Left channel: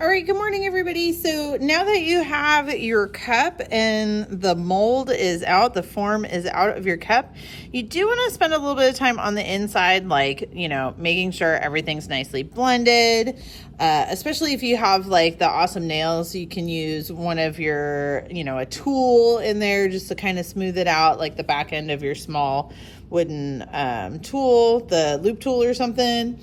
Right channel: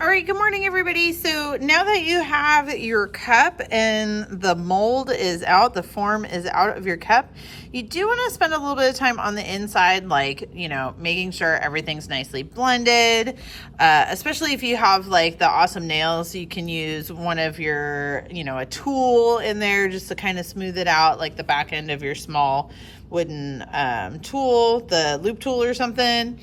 All right, good morning, everybody. So now that you have your cup and the mold is out, the form is out of your cup, you do want to spend a little bit of time on the inside, like, making sure everything's nicely blended, especially if you have like the awesome nails. You can use one of your, a tool in there just to kind of smooth it out, like the back end of your small wooden tool, the loop tool or something,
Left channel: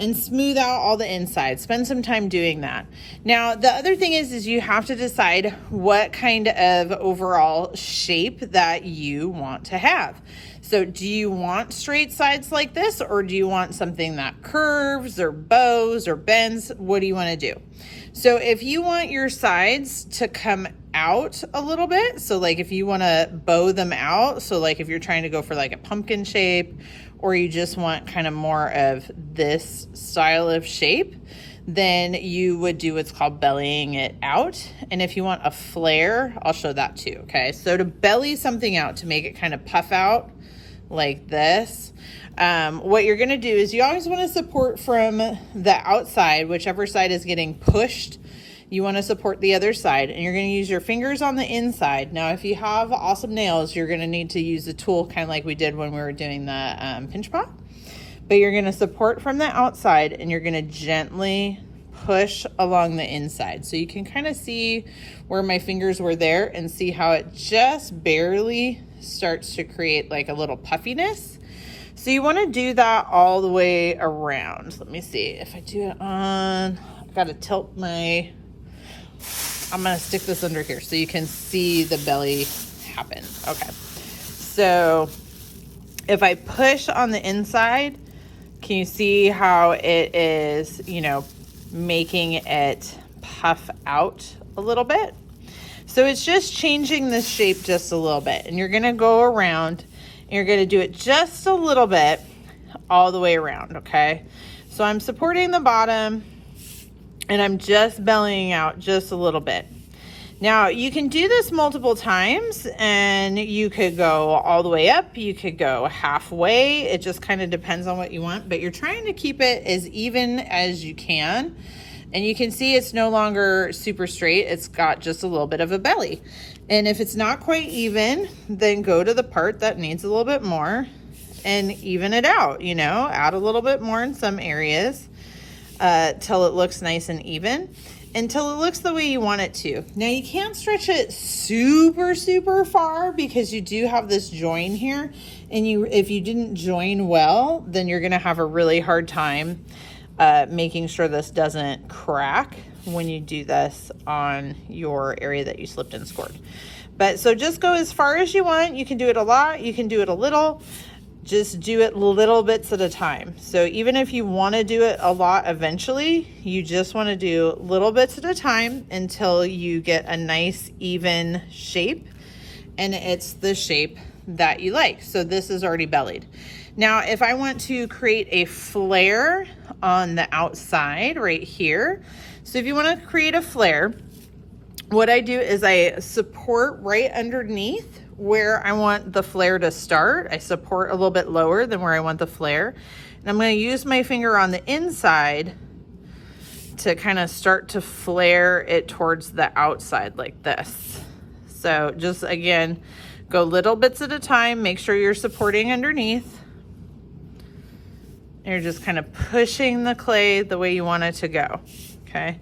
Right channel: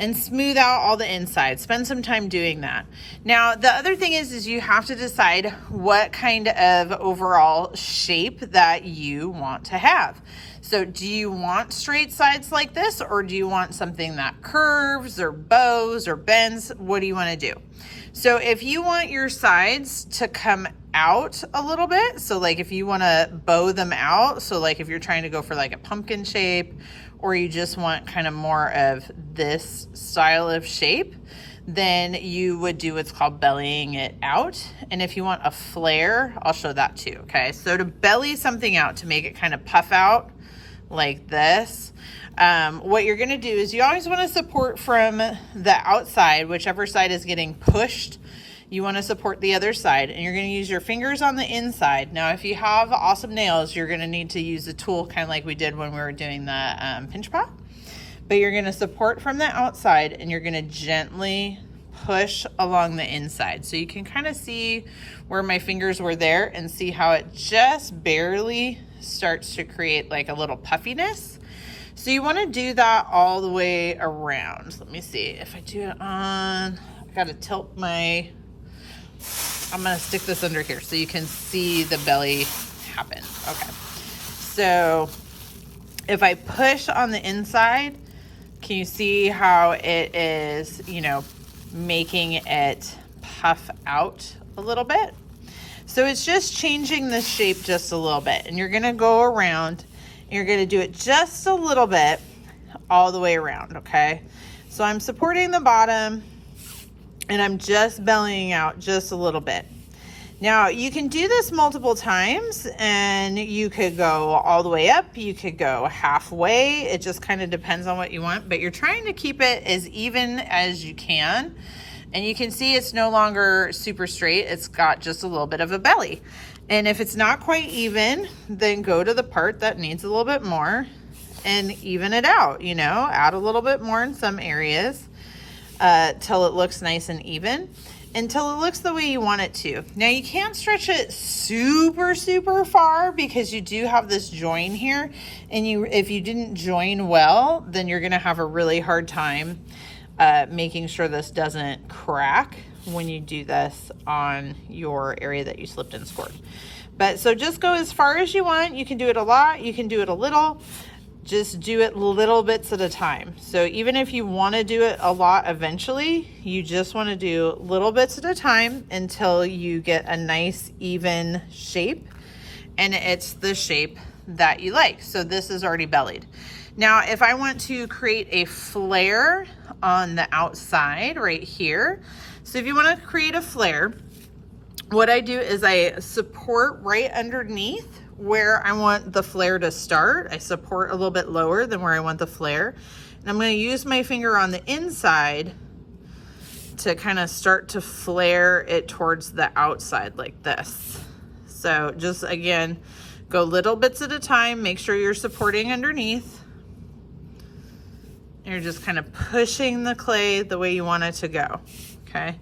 and smooth out all the inside. Spend some time doing that. Now, the other thing is you have to decide what kind of overall shape that you want to have. So do you want straight sides like this, or do you want something that curves or bows or bends? What do you want to do? So if you want your sides to come out a little bit, so like if you want to bow them out, so like if you're trying to go for like a pumpkin shape, or you just want kind of more of this style of shape, then you would do what's called bellying it out. And if you want a flare, I'll show that too, okay? So to belly something out, to make it kind of puff out like this, what you're gonna do is you always wanna support from the outside, whichever side is getting pushed. You want to support the other side, and you're going to use your fingers on the inside. Now, if you have awesome nails, you're going to need to use the tool kind of like we did when we were doing the pinch pot. But you're going to support from the outside, and you're going to gently push along the inside. So you can kind of see where my fingers were there and see how it just barely starts to create like a little puffiness. So you want to do that all the way around. Let me see if I do it on, I've got to tilt my, I'm going to stick this under here so you can see the belly happen. Okay. So if I push on the inside, can you see how it is, making it puff out a little bit? So it's just changing the shape just a little bit. And you're going to go around and you're going to do it just a little bit all the way around. Okay. So I'm supporting the bottom, and I'm just bellying out just a little bit. Now, you can do this multiple times, and you could go all the way up. You could go halfway. It just kind of depends on what you want, but you're trying to keep it as even as you can. And you can see it's no longer super straight. It's got just a little bit of a belly. And if it's not quite even, then go to the part that needs a little bit more and even it out, add a little bit more in some areas. Till it looks nice and even, until it looks the way you want it to. Now, you can't stretch it super, super far because you do have this join here, and if you didn't join well, then you're gonna have a really hard time making sure this doesn't crack when you do this on your area that you slipped and scored. But so just go as far as you want. You can do it a lot, you can do it a little. Just do it little bits at a time. So even if you want to do it a lot eventually, you just want to do little bits at a time until you get a nice even shape, and it's the shape that you like. So this is already bellied. Now, if I want to create a flare on the outside right here, so if you want to create a flare, what I do is I support right underneath where I want the flare to start. I support a little bit lower than where I want the flare. And I'm going to use my finger on the inside to kind of start to flare it towards the outside like this. So just, again, go little bits at a time. Make sure you're supporting underneath. You're just kind of pushing the clay the way you want it to go, okay?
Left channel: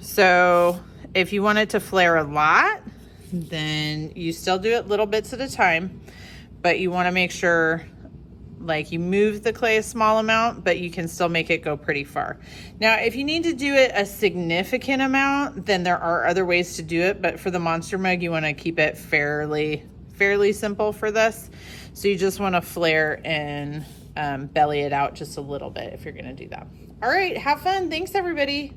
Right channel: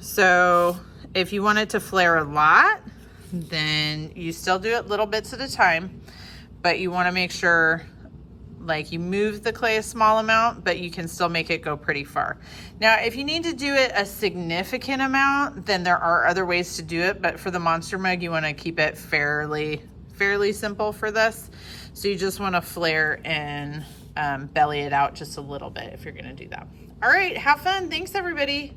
So if you want it to flare a lot, then you still do it little bits at a time, but you want to make sure like you move the clay a small amount, but you can still make it go pretty far. Now, if you need to do it a significant amount, then there are other ways to do it, but for the monster mug, you want to keep it fairly simple for this. So you just want to flare and belly it out just a little bit if you're going to do that. All right, have fun. Thanks, everybody.